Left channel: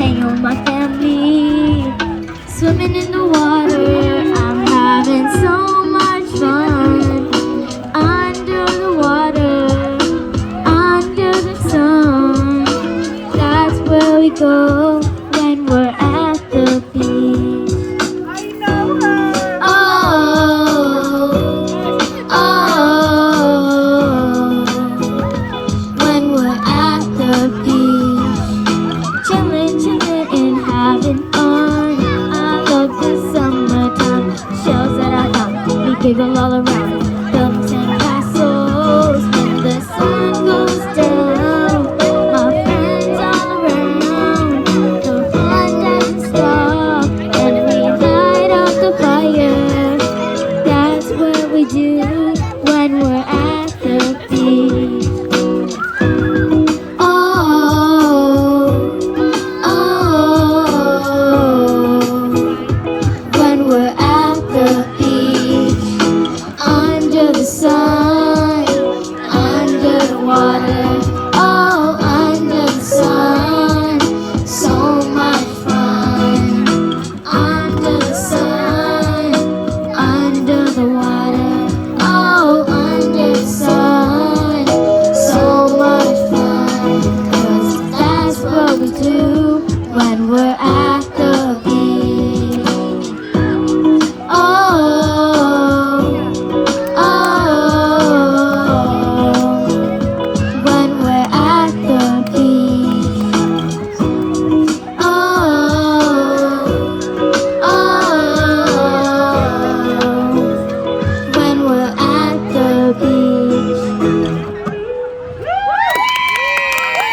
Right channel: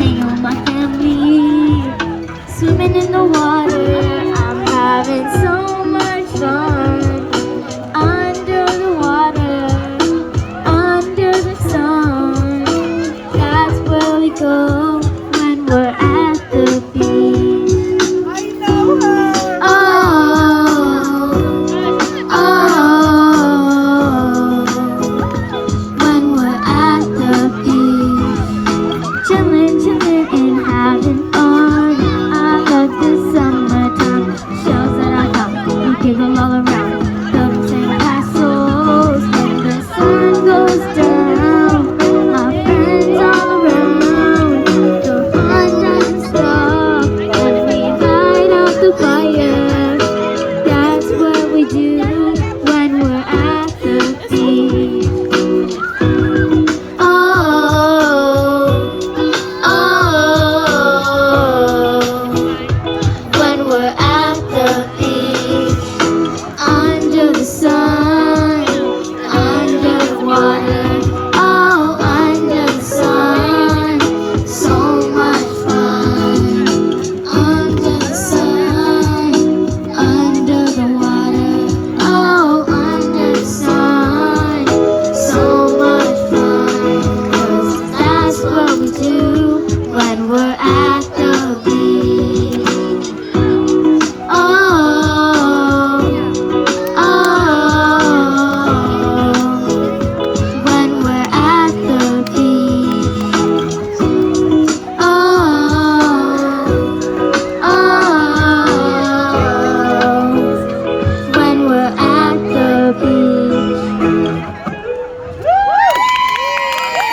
hanging with my family, swimming in the water. I'm having so much fun under the water, under the sun. That's where we go.